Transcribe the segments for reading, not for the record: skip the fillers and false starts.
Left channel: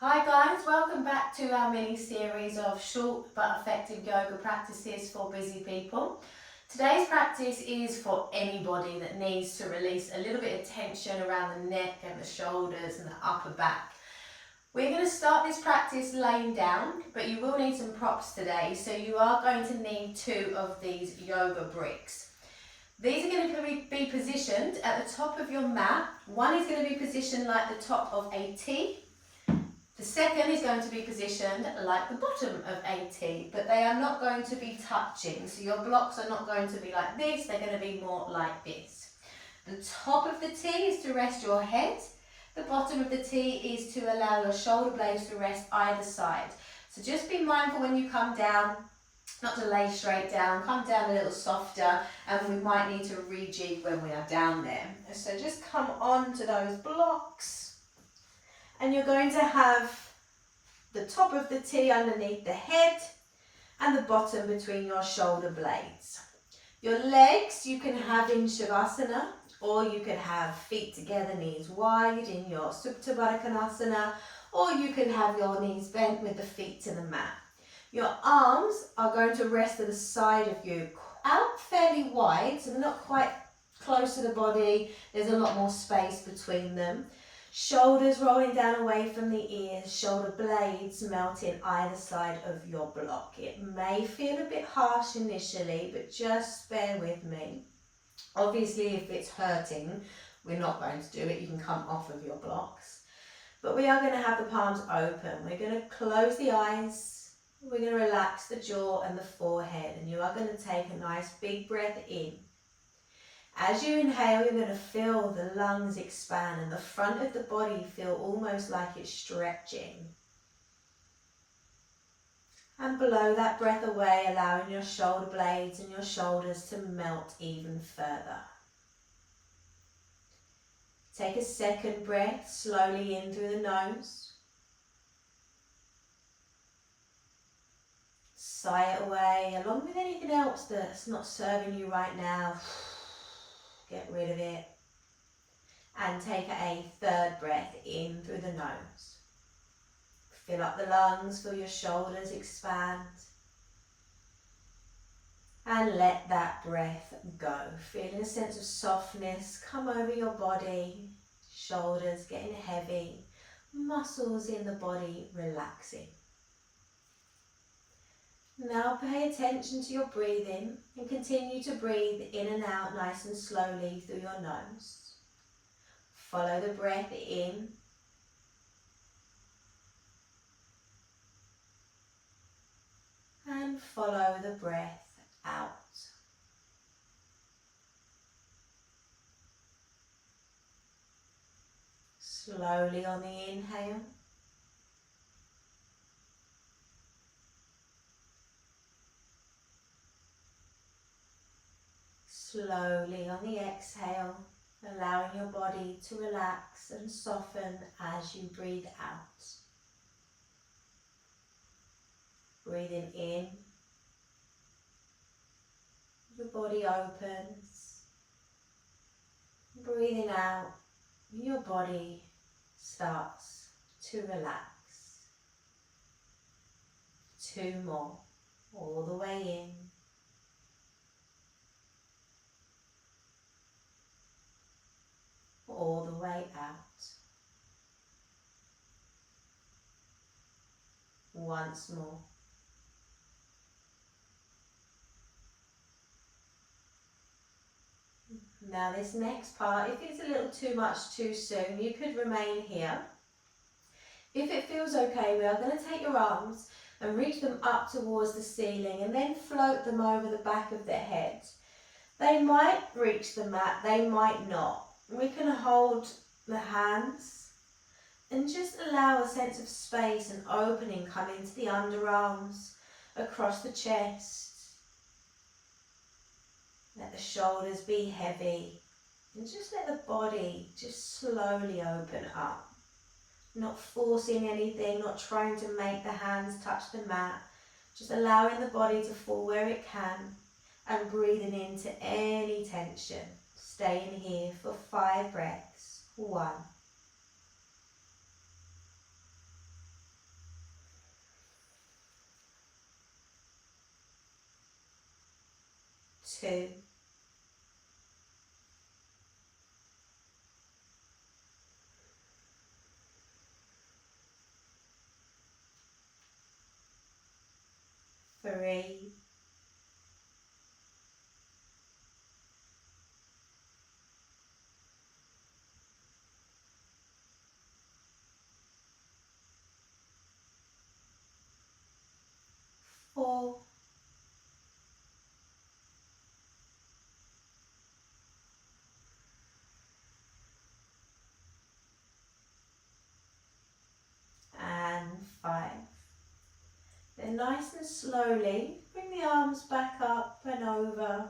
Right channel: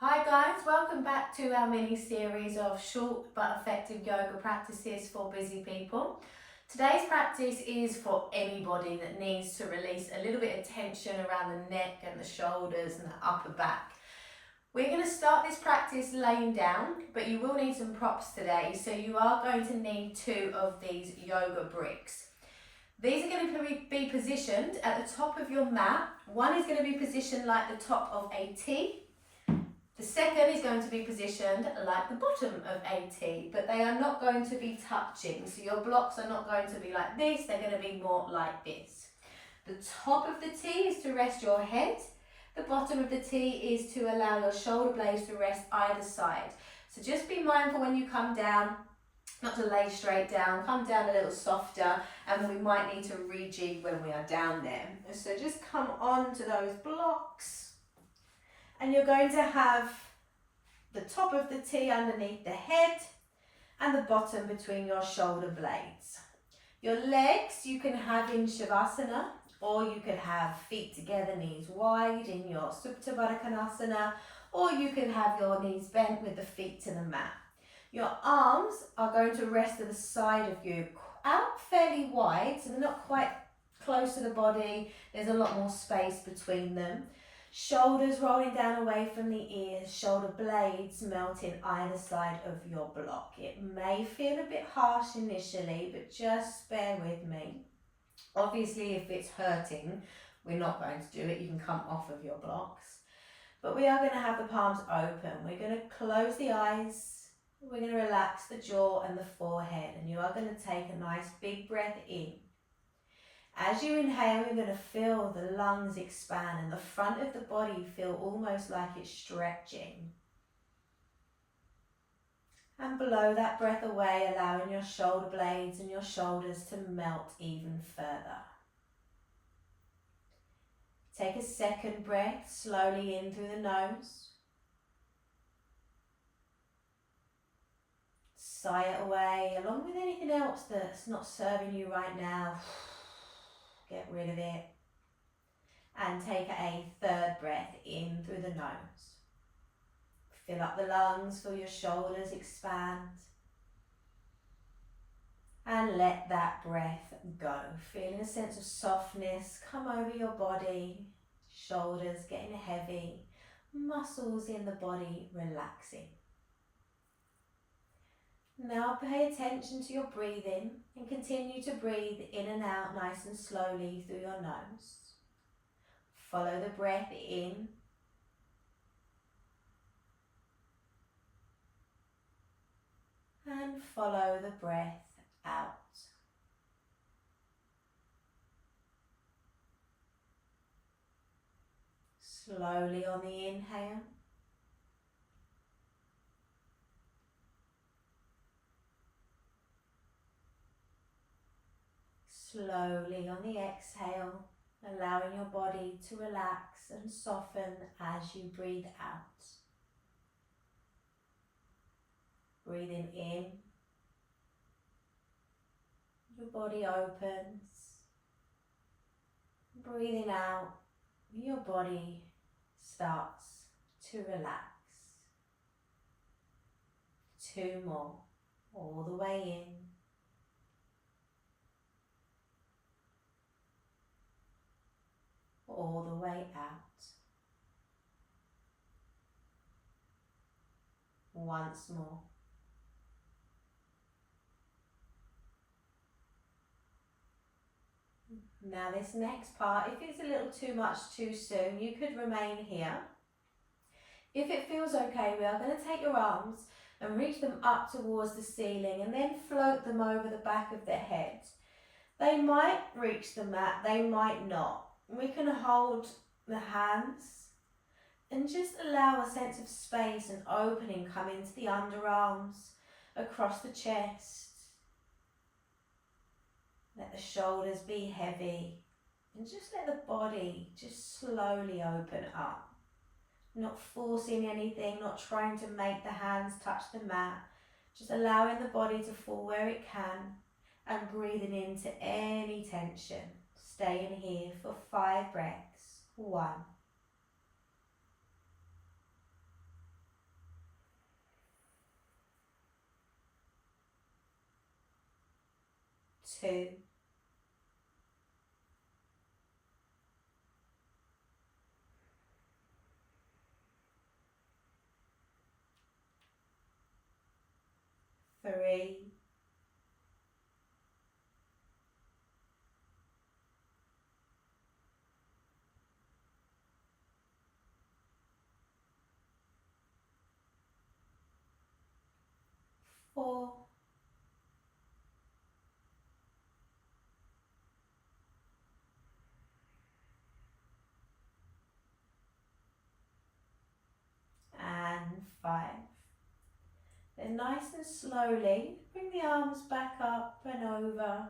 Hi guys, welcome back to our mini series of short but effective yoga practices for busy people. Today's practice is for anybody that needs to release a little bit of tension around the neck and the shoulders and the upper back. We're going to start this practice laying down, but you will need some props today, so you are going to need 2 of these yoga bricks. These are going to be positioned at the top of your mat. One is going to be positioned like the top of a T. The second is going to be positioned like the bottom of a T, but they are not going to be touching. So your blocks are not going to be like this, they're going to be more like this. The top of the T is to rest your head. The bottom of the T is to allow your shoulder blades to rest either side. So just be mindful when you come down, not to lay straight down, come down a little softer, and we might need to rejig when we are down there. So just come on to those blocks. And you're going to have the top of the T underneath the head and the bottom between your shoulder blades. Your legs you can have in Shavasana, or you could have feet together, knees wide in your Supta Baddha Konasana, or you can have your knees bent with the feet to the mat. Your arms are going to rest to the side of you, out fairly wide, so they're not quite close to the body. There's a lot more space between them. Shoulders rolling down away from the ears, shoulder blades melting either side of your block. It may feel a bit harsh initially, but just bear with me. Obviously, if it's hurting, we're not going to do it. You can come off of your blocks. But we are going to have the palms open. We're going to close the eyes. We're going to relax the jaw and the forehead. And you are going to take a nice big breath in. As you inhale, you're going to feel the lungs expand and the front of the body feel almost like it's stretching. And blow that breath away, allowing your shoulder blades and your shoulders to melt even further. Take a second breath slowly in through the nose. Sigh it away, along with anything else that's not serving you right now. Get rid of it. And take a third breath in through the nose. Fill up the lungs, feel your shoulders expand. And let that breath go. Feeling a sense of softness come over your body. Shoulders getting heavy. Muscles in the body relaxing. Now pay attention to your breathing and continue to breathe in and out nice and slowly through your nose. Follow the breath in and follow the breath out. Slowly on the inhale. Slowly on the exhale, allowing your body to relax and soften as you breathe out. Breathing in, your body opens. Breathing out, your body starts to relax. 2 more, all the way in. All the way out. Once more. Now this next part, if it's a little too much too soon, you could remain here. If it feels okay, we are going to take your arms and reach them up towards the ceiling and then float them over the back of the head. They might reach the mat, they might not. We can hold the hands and just allow a sense of space and opening come into the underarms, across the chest. Let the shoulders be heavy and just let the body just slowly open up. Not forcing anything, not trying to make the hands touch the mat, just allowing the body to fall where it can and breathing into any tension. Staying here for 5 breaths. 1, 2, 3, 4, and 5. Then nice and slowly, bring the arms back up and over.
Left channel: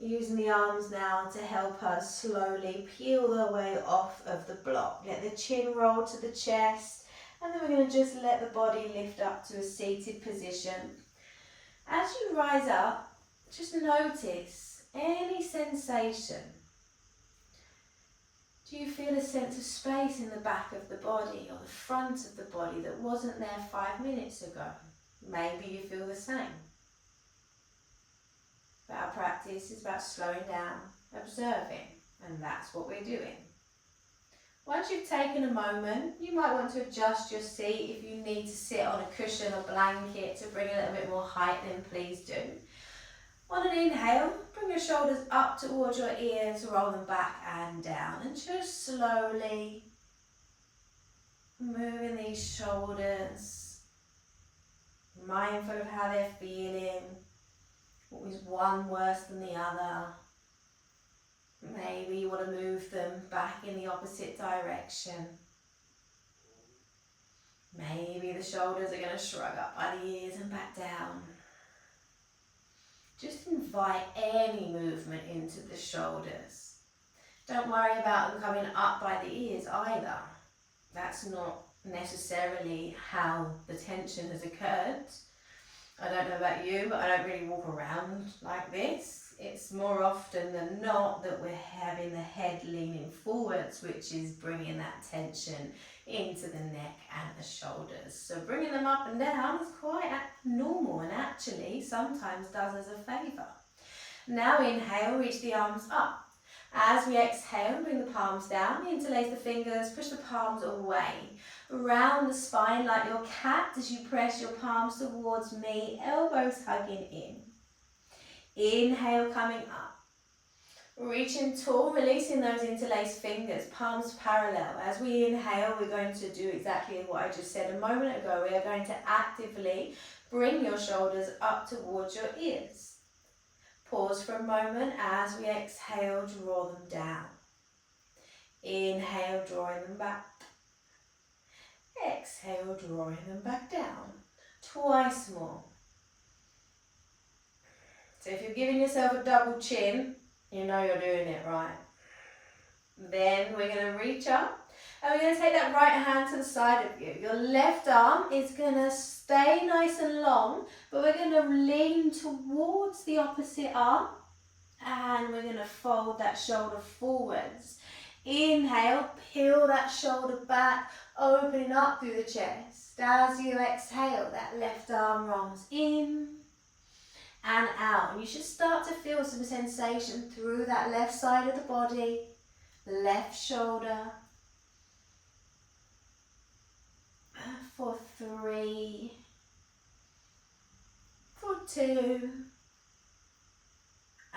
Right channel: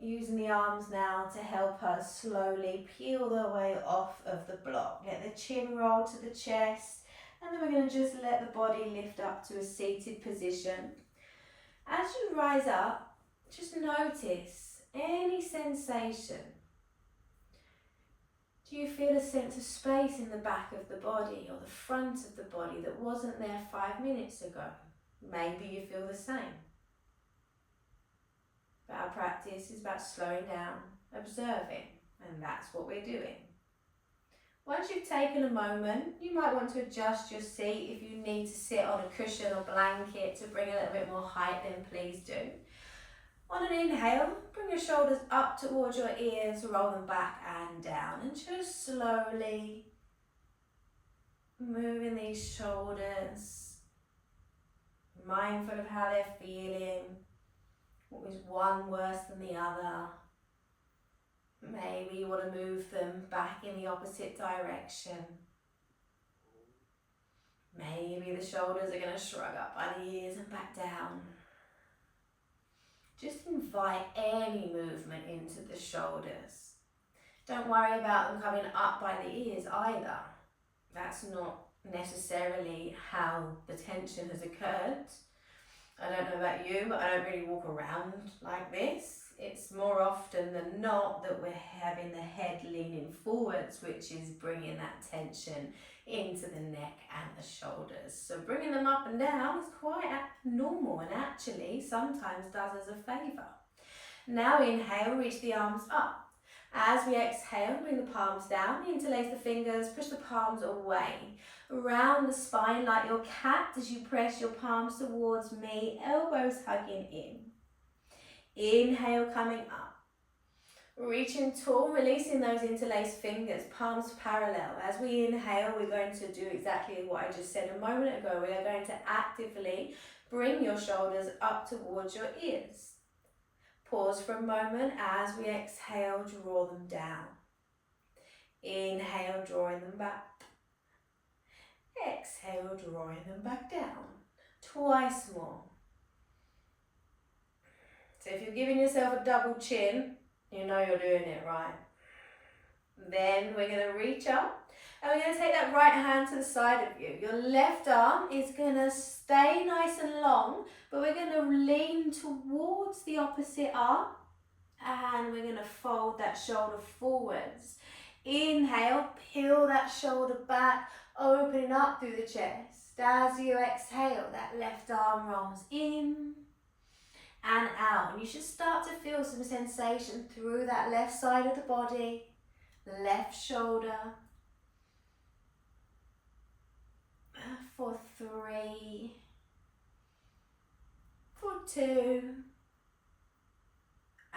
Using the arms now to help us slowly peel the way off of the block. Let the chin roll to the chest, and then we're going to just let the body lift up to a seated position. As you rise up, just notice any sensation. Do you feel a sense of space in the back of the body or the front of the body that wasn't there 5 minutes ago? Maybe you feel the same. But our practice is about slowing down, observing, and that's what we're doing. Once you've taken a moment, you might want to adjust your seat. If you need to sit on a cushion or blanket to bring a little bit more height, then please do. On an inhale, bring your shoulders up towards your ears, roll them back and down, and just slowly moving these shoulders, mindful of how they're feeling. What was one worse than the other? Maybe you want to move them back in the opposite direction. Maybe the shoulders are going to shrug up by the ears and back down. Just invite any movement into the shoulders. Don't worry about them coming up by the ears either. That's not necessarily how the tension has occurred. I don't know about you, but I don't really walk around like this. It's more often than not that we're having the head leaning forwards, which is bringing that tension into the neck and the shoulders. So bringing them up and down is quite normal, and actually sometimes does us a favour. Now inhale, reach the arms up. As we exhale, bring the palms down, interlace the fingers, push the palms away. Around the spine like your cat as you press your palms towards me, elbows hugging in. Inhale, coming up. Reaching tall, releasing those interlaced fingers, palms parallel. As we inhale, we're going to do exactly what I just said a moment ago. We are going to actively bring your shoulders up towards your ears. Pause for a moment. As we exhale, draw them down. Inhale, drawing them back. Exhale, drawing them back down. Twice more. So if you're giving yourself a double chin, you know you're doing it right. Then we're going to reach up and we're going to take that right hand to the side of you. Your left arm is going to stay nice and long, but we're going to lean towards the opposite arm and we're going to fold that shoulder forwards. Inhale, peel that shoulder back, opening up through the chest. As you exhale, that left arm rolls in and out. And you should start to feel some sensation through that left side of the body, left shoulder. For 3, for 2,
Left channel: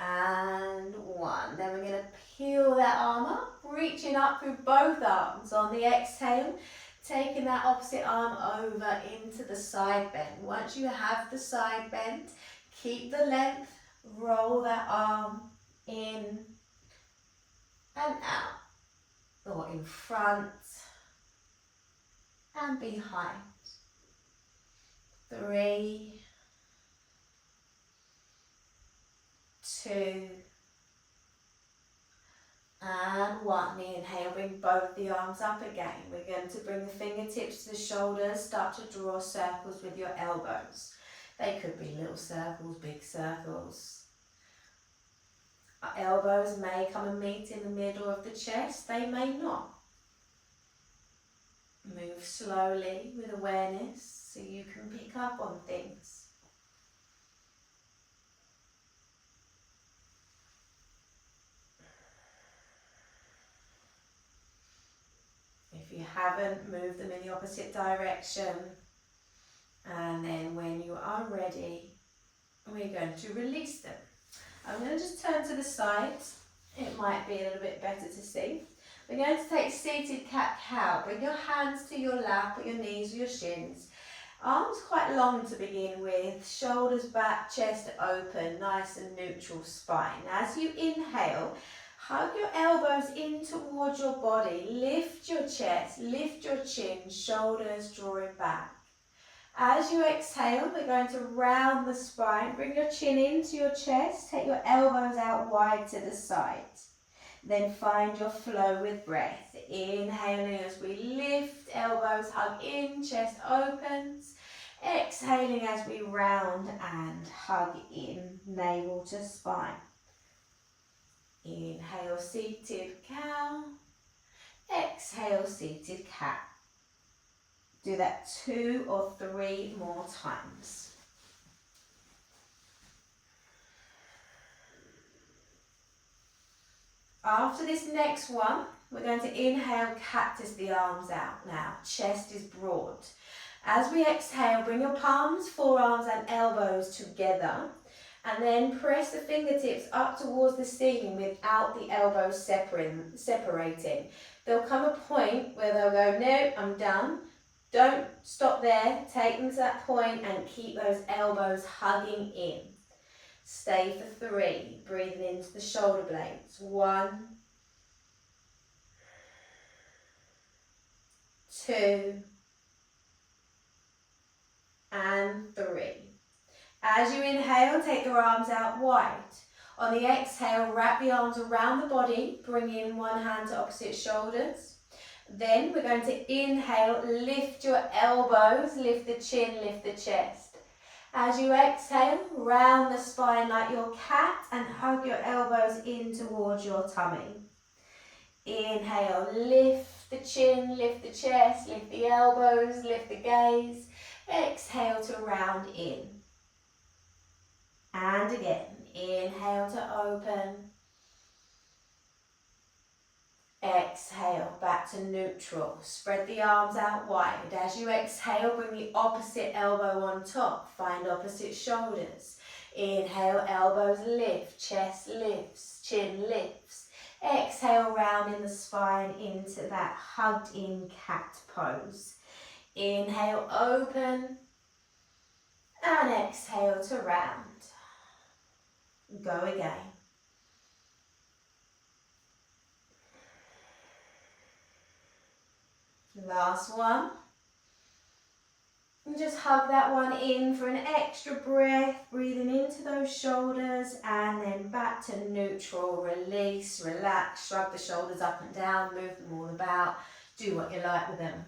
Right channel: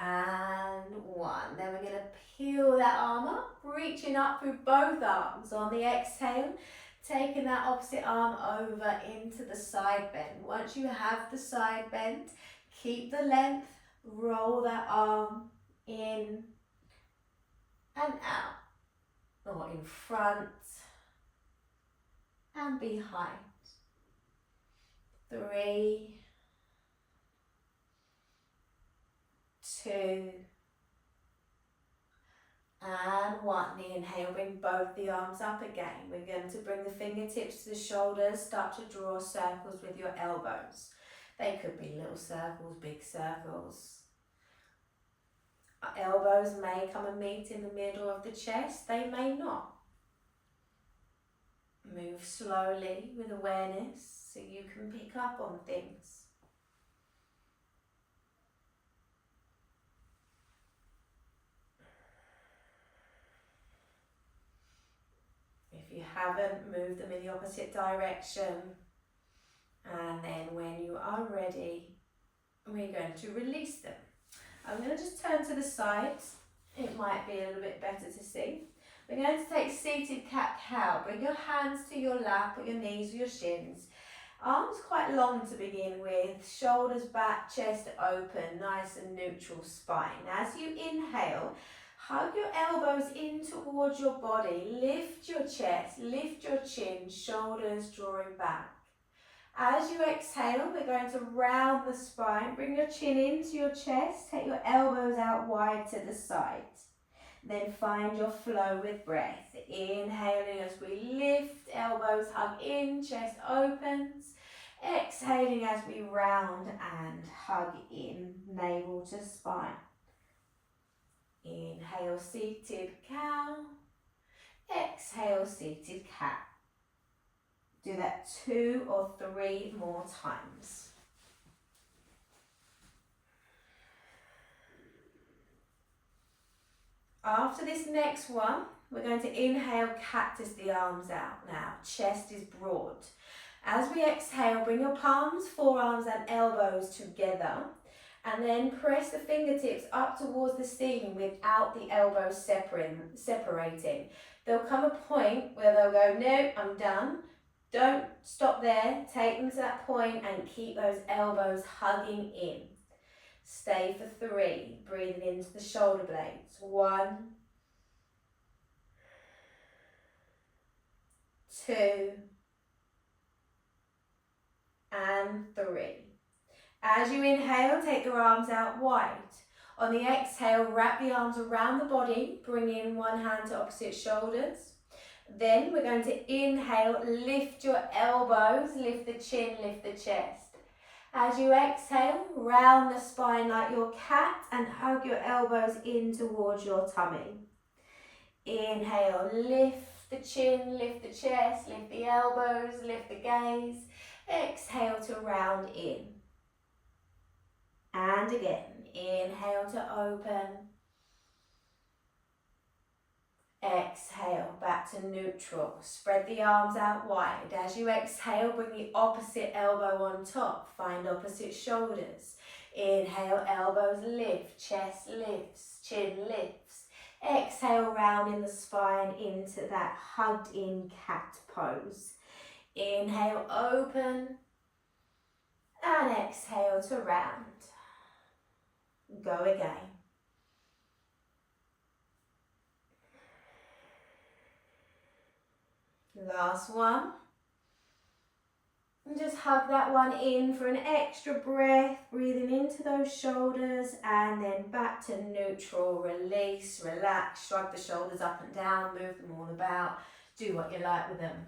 and 1. Then we're going to peel that arm up, reaching up through both arms. On the exhale, taking that opposite arm over into the side bend. Once you have the side bend, keep the length, roll that arm in and out, or in front and behind. 3, 2, and 1. Inhale, bring both the arms up again. We're going to bring the fingertips to the shoulders, start to draw circles with your elbows. They could be little circles, big circles. Our elbows may come and meet in the middle of the chest, they may not. Move slowly with awareness so you can pick up on things. haven't, move them in the opposite direction. And then when you are ready, we're going to release them. I'm going to just turn to the sides. It might be a little bit better to see. We're going to take seated cat-cow. Bring your hands to your lap, put your knees or your shins. Arms quite long to begin with, shoulders back, chest open, nice and neutral spine. As you inhale, hug your elbows in towards your body, lift your chest, lift your chin, shoulders drawing back. As you exhale, we're going to round the spine, bring your chin into your chest, take your elbows out wide to the side. Then find your flow with breath. Inhaling as we lift, elbows hug in, chest opens. Exhaling as we round and hug in, navel to spine. Inhale, seated cow. Exhale, seated cat. Do that 2 or 3 more times. After this next one, we're going to inhale, cactus the arms out now. Chest is broad. As we exhale, bring your palms, forearms and elbows together. And then press the fingertips up towards the ceiling without the elbows separating. There'll come a point where they'll go, no, I'm done. Don't stop there. Take them to that point and keep those elbows hugging in. Stay for 3, breathing into the shoulder blades. 1, 2, and 3. As you inhale, take your arms out wide. On the exhale, wrap the arms around the body, bring in one hand to opposite shoulders. Then we're going to inhale, lift your elbows, lift the chin, lift the chest. As you exhale, round the spine like your cat and hug your elbows in towards your tummy. Inhale, lift the chin, lift the chest, lift the elbows, lift the gaze. Exhale to round in. And again, inhale to open. Exhale, back to neutral. Spread the arms out wide. As you exhale, bring the opposite elbow on top. Find opposite shoulders. Inhale, elbows lift, chest lifts, chin lifts. Exhale, round in the spine into that hugged in cat pose. Inhale, open. And exhale to round. Go again. Last one. And just hug that one in for an extra breath, breathing into those shoulders and then back to neutral. Release, relax, shrug the shoulders up and down, move them all about. Do what you like with them.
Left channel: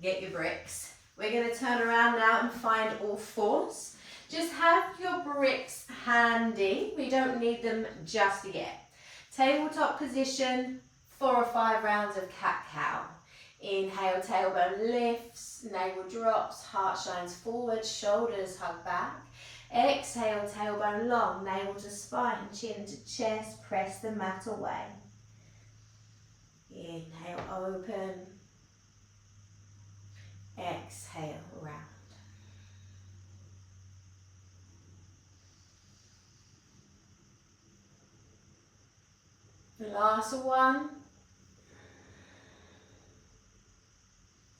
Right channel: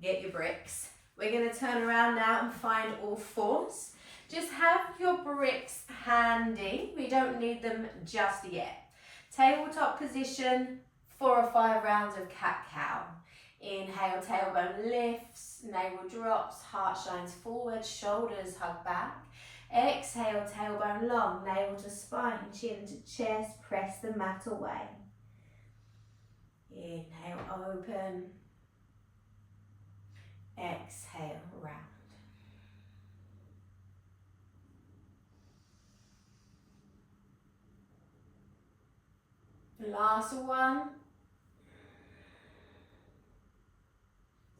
Get your bricks. We're going to turn around now and find all fours. Just have your bricks handy. We don't need them just yet. Tabletop position, 4 or 5 rounds of cat-cow. Inhale, tailbone lifts, navel drops, heart shines forward, shoulders hug back. Exhale, tailbone long, navel to spine, chin to chest, press the mat away. Inhale, open. Exhale, round. Last one.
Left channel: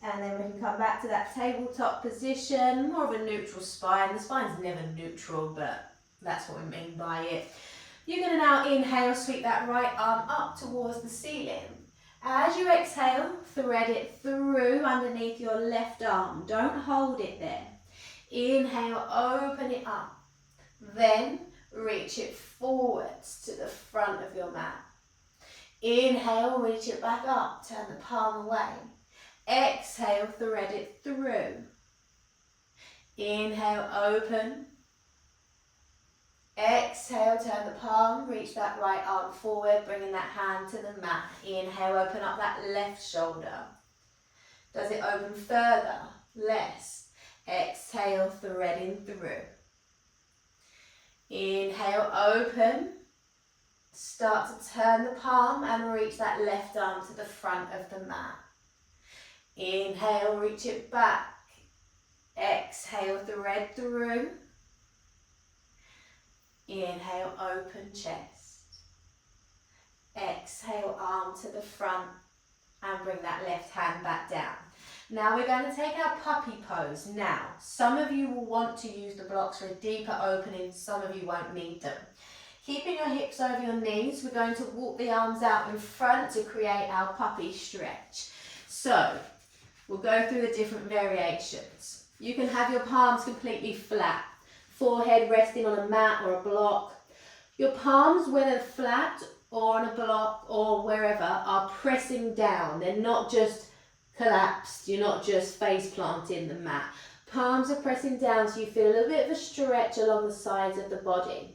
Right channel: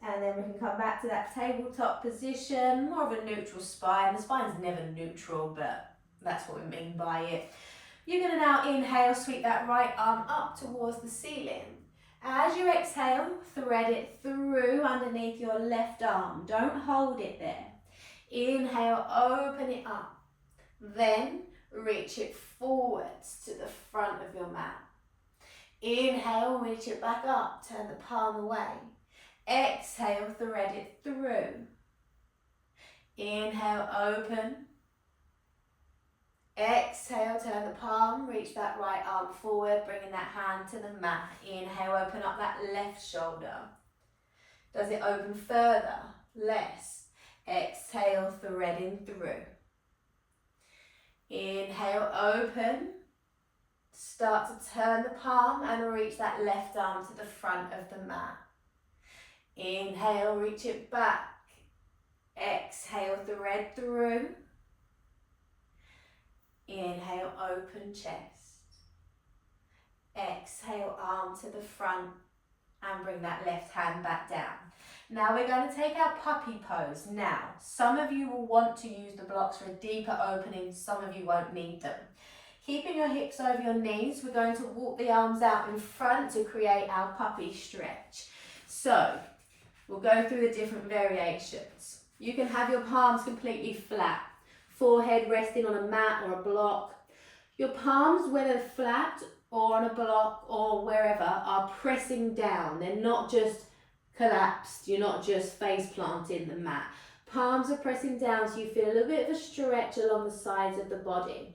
And then we can come back to that tabletop position, more of a neutral spine. The spine's never neutral, but that's what we mean by it. You're going to now inhale, sweep that right arm up towards the ceiling. As you exhale, thread it through underneath your left arm. Don't hold it there. Inhale, open it up. Then reach it forwards to the front of your mat. Inhale, reach it back up, turn the palm away. Exhale, thread it through. Inhale, open. Exhale, turn the palm, reach that right arm forward, bringing that hand to the mat. Inhale, open up that left shoulder. Does it open further? Less. Exhale, threading through. Inhale, open. Start to turn the palm and reach that left arm to the front of the mat. Inhale, reach it back. Exhale, thread through. Inhale, open chest. Exhale, arm to the front and bring that left hand back down. Now we're going to take our puppy pose. Now, some of you will want to use the blocks for a deeper opening, some of you won't need them. Keeping your hips over your knees, we're going to walk the arms out in front to create our puppy stretch. So, we'll go through the different variations. You can have your palms completely flat, forehead resting on a mat or a block. Your palms, whether flat or on a block or wherever, are pressing down. They're not just collapsed, you're not just face planting the mat. Palms are pressing down so you feel a little bit of a stretch along the sides of the body.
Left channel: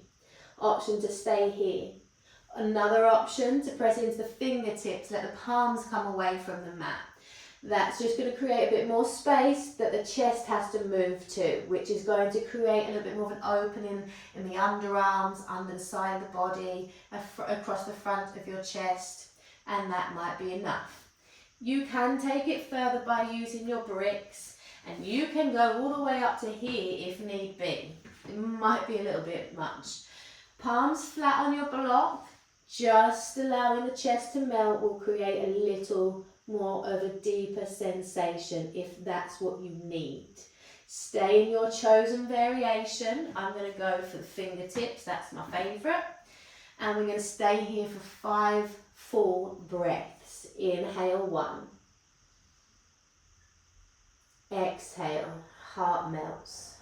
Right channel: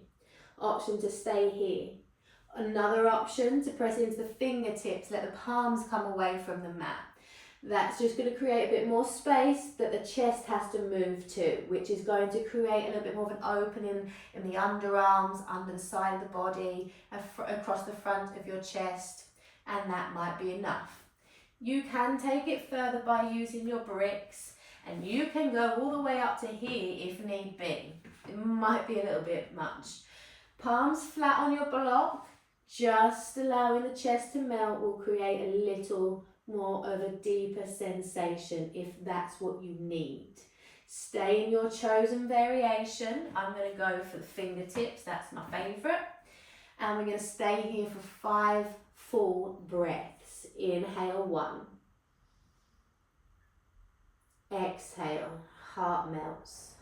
Option to stay here. Another option to press into the fingertips, let the palms come away from the mat. That's just going to create a bit more space that the chest has to move to, which is going to create a little bit more of an opening in the underarms, under the side of the body, across the front of your chest, and that might be enough. You can take it further by using your bricks, and you can go all the way up to here if need be. It might be a little bit much. Palms flat on your block, just allowing the chest to melt will create a little more of a deeper sensation if that's what you need. Stay in your chosen variation. I'm going to go for the fingertips, that's my favourite. And we're going to stay here for 5 full breaths. Inhale 1. Exhale, heart melts.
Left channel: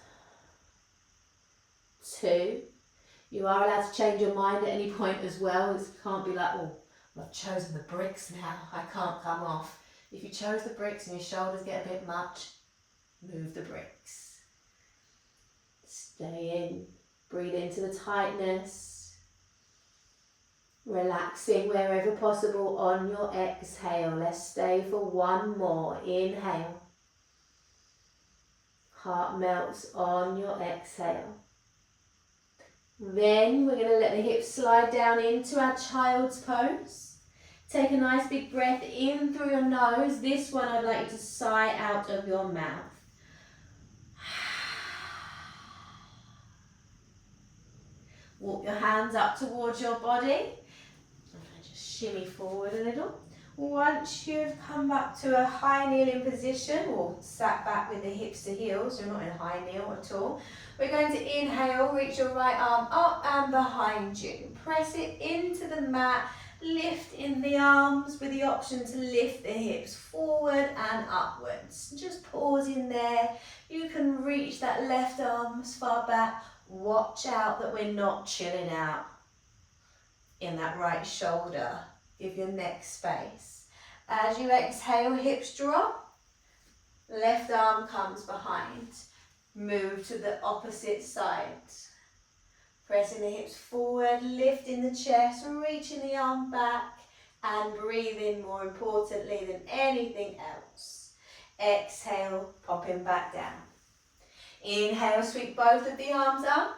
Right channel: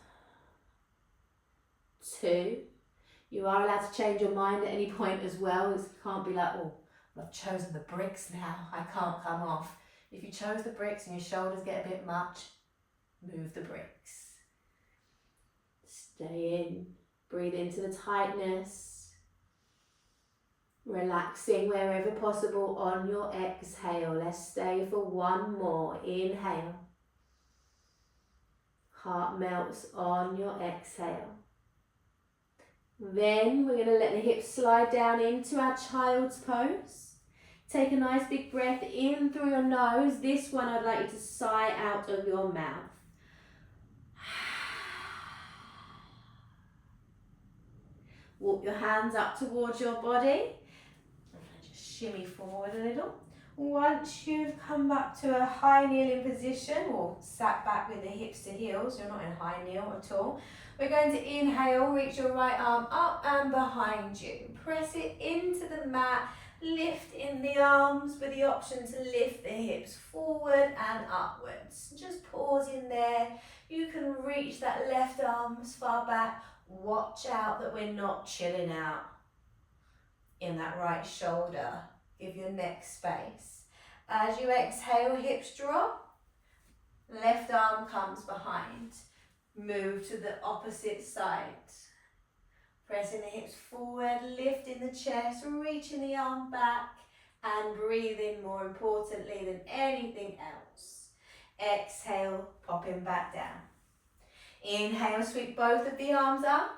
2. You are allowed to change your mind at any point as well. It can't be like, oh, I've chosen the bricks now, I can't come off. If you chose the bricks and your shoulders get a bit much, move the bricks. Stay in, breathe into the tightness. Relaxing wherever possible on your exhale. Let's stay for 1 more. Inhale. Heart melts on your exhale. Then we're going to let the hips slide down into our child's pose. Take a nice big breath in through your nose. This one I'd like you to sigh out of your mouth. Walk your hands up towards your body. Just shimmy forward a little. Once you've come back to a high kneeling position, or sat back with the hips to heels, you're not in high kneel at all. We're going to inhale, reach your right arm up and behind you. Press it into the mat, lift in the arms with the option to lift the hips forward and upwards. Just pause in there. You can reach that left arm as far back. Watch out that we're not chilling out in that right shoulder. Give your neck space. As you exhale, hips drop. Left arm comes behind. Move to the opposite side. Pressing the hips forward, lifting the chest, reaching the arm back, and breathing more importantly than anything else. Exhale, popping back down. Inhale, sweep both of the arms up.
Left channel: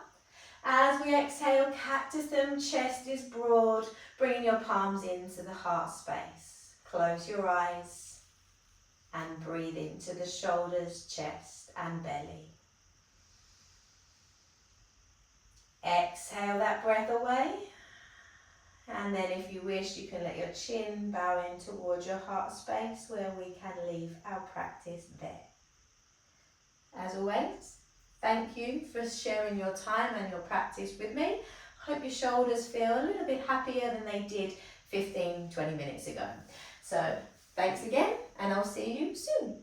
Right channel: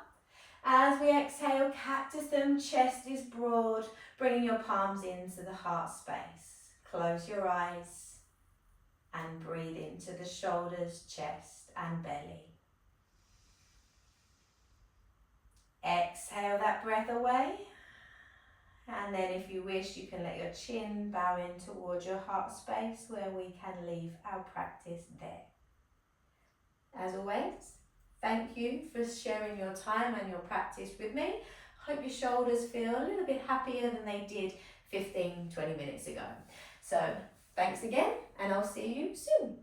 As we exhale, cactus them, chest is broad, bringing your palms into the heart space. Close your eyes and breathe into the shoulders, chest and belly. Exhale that breath away, and then if you wish you can let your chin bow in towards your heart space where we can leave our practice there. As always, thank you for sharing your time and your practice with me. I hope your shoulders feel a little bit happier than they did 15-20 minutes ago. So thanks again, and I'll see you soon.